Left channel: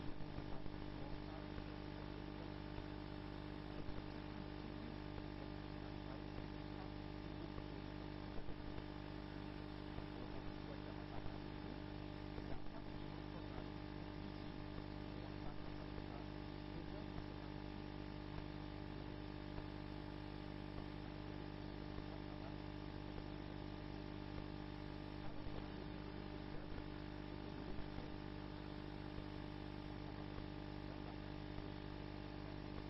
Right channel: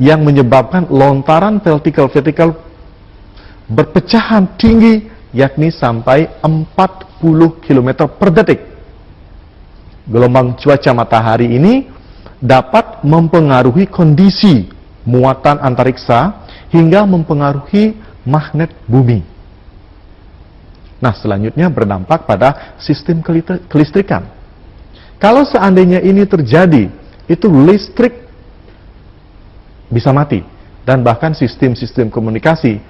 yang menyebabkan lontaran vertikal berpecahan tinggi, yakni sampai 40 km per detik. Gelombang cuaca matahari ini dapat mempengaruhi kondisi muatan antariksa hingga mempengaruhi magnet bumi. Nah, selanjutnya berdampak pada sistem kelistrikan. Kalau seandainya ini terjadi, itu listrik bisa mati, dan bahkan sistem-sistem komunikasi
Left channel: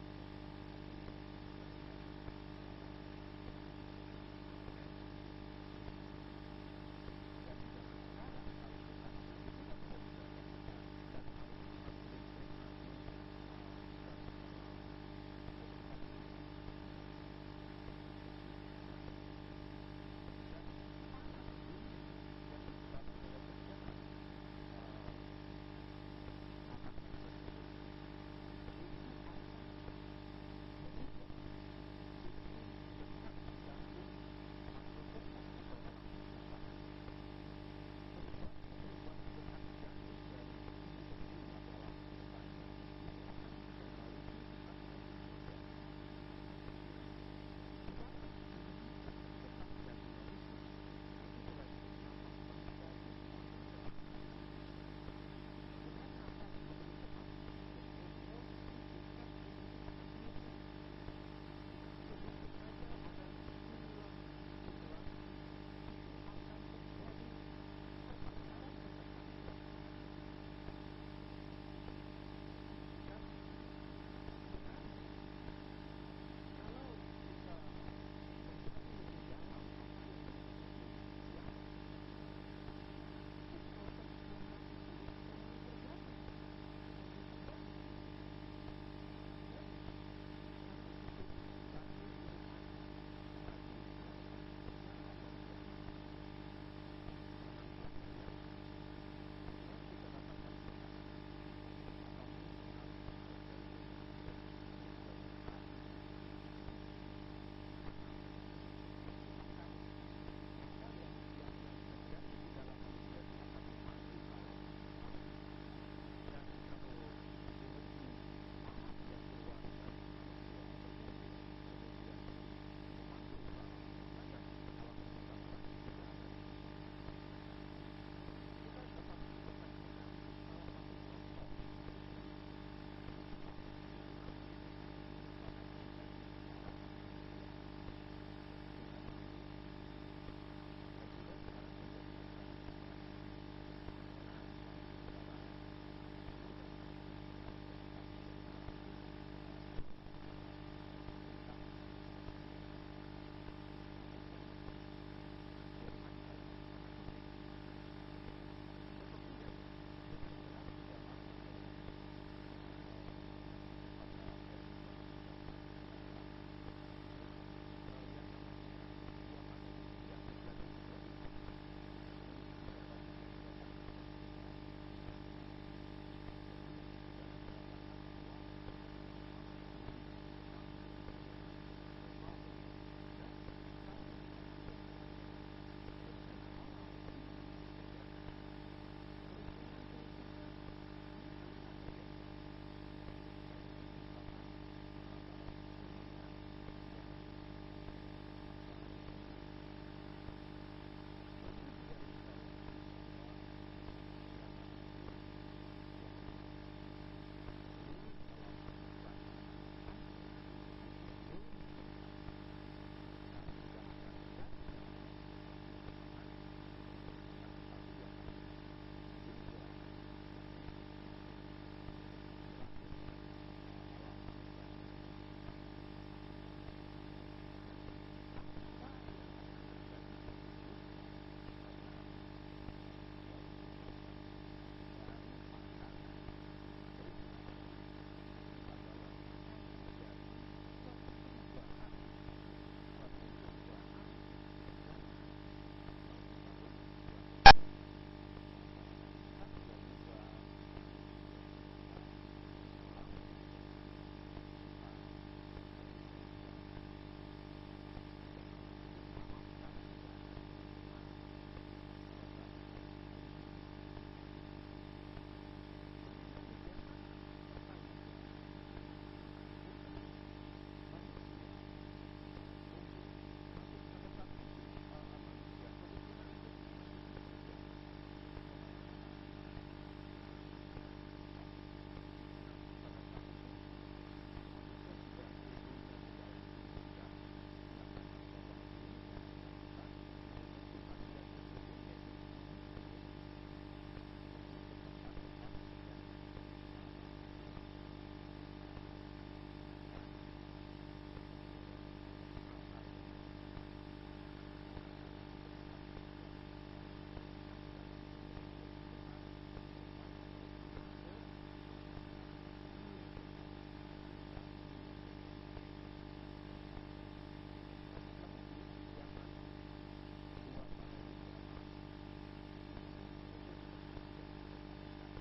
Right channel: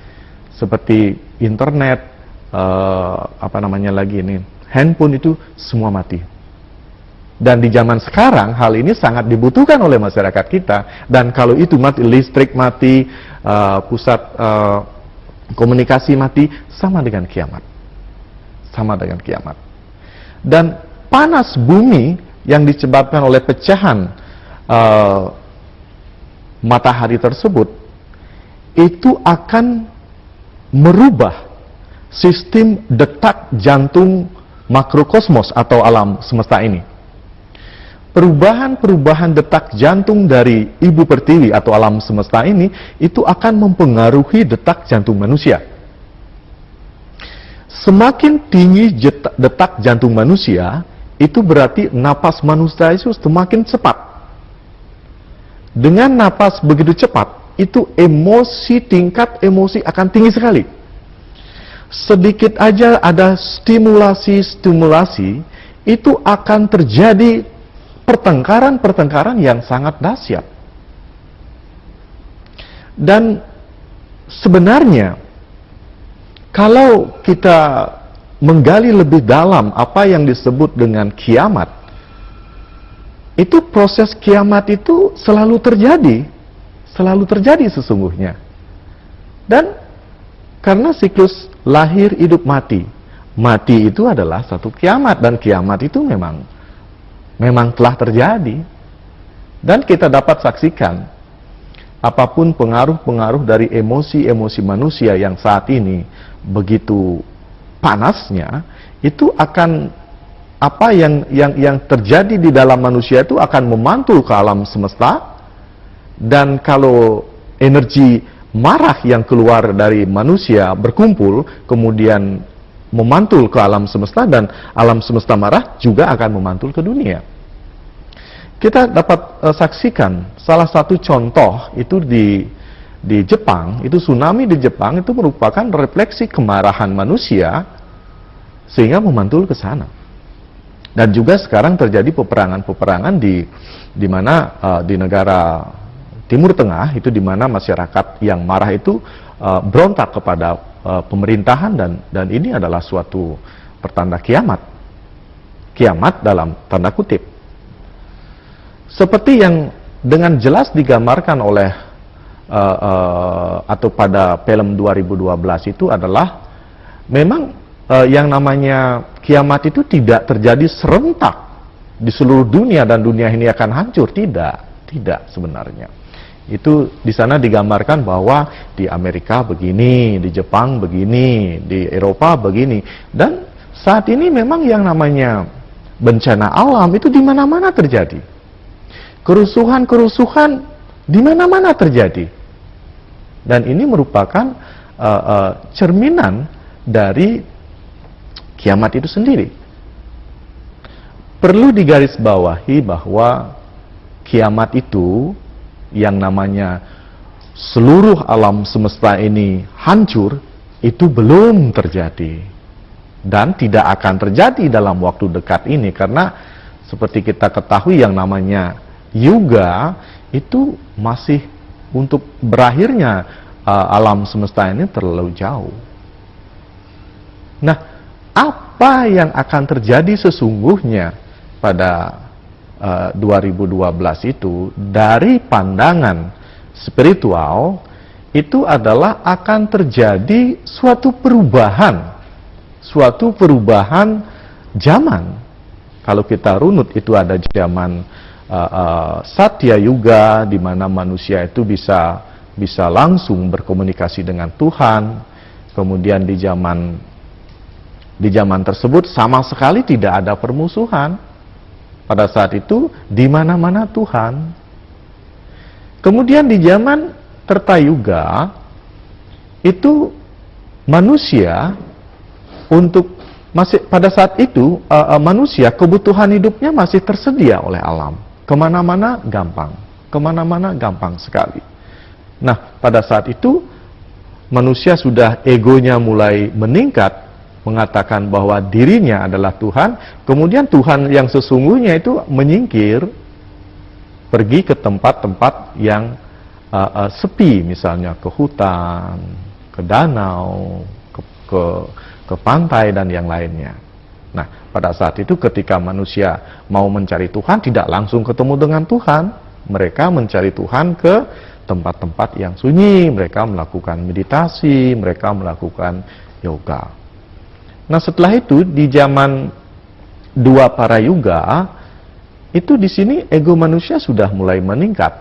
seperti internet, handphone itu semua mati. Dan di zaman sekarang hal ini sangat dibutuhkan oleh masyarakat kita. Dan kalau itu mati, listrik mati, pusat komunikasi mati, sama dengan kiamat. Sama dengan kiamat. Dan panas bumi yang disebabkan oleh pecahan matahari tersebut, itu akan merubah sistem detak jantung makrokosmos atau alam semesta ini. Perubahan-perubahan detak jantung dari ibu pertiwi atau alam semesta ini, itu akan mempengaruhi detak jantung manusia. Semakin tinggi detak jantung manusia, itu berarti napas manusia itu semakin cepat. Dengan napas begitu cepat, itu tingkat emosi akan tinggi sekali. Sedikit aja ada stimulasi, itu akan terjadi pertengkaran yang sangat dahsyat. Dan sebenarnya, kalau kita menggali lebih dalam apa yang disebut dengan kiamat, itu proses kiamat itu selalu terjadi sesungguhnya. Dan karena siklus lahir, hidup, mati itu adalah satu kiamat, dan kiamat itu memang telah terjadi. Dan kita dapat saksikan apapun pengaruh-pengaruh dari emosi-emosi manusia yang saat ini begitu panasnya, itu akan apa yang terjadi di dalam manusia itu akan memantul ke alam semesta. Dan kalau energi marah yang keluar dari manusia berkumpul, kemudian memantul ke alam semesta, dan alam semesta marah juga akan memantul ke dunia. Kita dapat saksikan salah satu contoh itu di Jepang, itu tsunami di Jepang itu merupakan refleksi kemarahan manusia sehingga memantul ke sana. Dan juga sekarang terjadi peperangan di mana di negara Timur Tengah itu, di mana masyarakat yang marah itu berontak kepada pemerintahan, dan ini adalah suatu pertanda kiamat dalam tanda kutip. Seperti yang dengan jelas digambarkan oleh atau pada film 2012 itu adalah, memang yang namanya kiamat itu tidak terjadi serentak di seluruh dunia dan dunia ini akan hancur. Tidak sebenarnya. Itu di sana digambarkan bahwa di Amerika begini, di Jepang begini, di Eropa begini. Dan saat ini memang yang namanya bencana alam itu di mana-mana terjadi. Kerusuhan di mana-mana terjadi. Dan ini merupakan cerminan dari kiamat itu sendiri. Perlu digarisbawahi bahwa kiamat itu yang namanya seluruh alam semesta ini hancur, itu belum terjadi. Dan tidak akan terjadi dalam waktu dekat ini, karena seperti kita ketahui yang namanya yuga itu masih untuk berakhirnya alam semesta ini terlalu jauh. Nah, apa yang akan terjadi sesungguhnya pada 2012 itu dari pandangan spiritual itu adalah akan terjadi suatu perubahan zaman. Kalau kita runut itu ada zaman Satya Yuga, di mana manusia itu bisa langsung berkomunikasi dengan Tuhan. Kemudian di zaman tersebut sama sekali tidak ada permusuhan. Pada saat itu di mana-mana Tuhan. Kemudian di zaman Tirtayuga itu manusia untuk masih pada saat itu manusia kebutuhan hidupnya masih tersedia oleh alam. Kemana-mana gampang sekali. Nah, pada saat itu manusia sudah egonya mulai meningkat, mengatakan bahwa dirinya adalah Tuhan. Kemudian Tuhan yang sesungguhnya itu menyingkir, pergi ke tempat-tempat yang sepi, misalnya ke hutan, ke danau, ke pantai dan yang lainnya. Nah, pada saat itu ketika manusia mau mencari Tuhan, tidak langsung ketemu dengan Tuhan. Mereka mencari Tuhan ke tempat-tempat yang sunyi, mereka melakukan meditasi, mereka melakukan yoga. Nah, setelah itu di zaman dua para yuga, itu di sini ego manusia sudah mulai meningkat.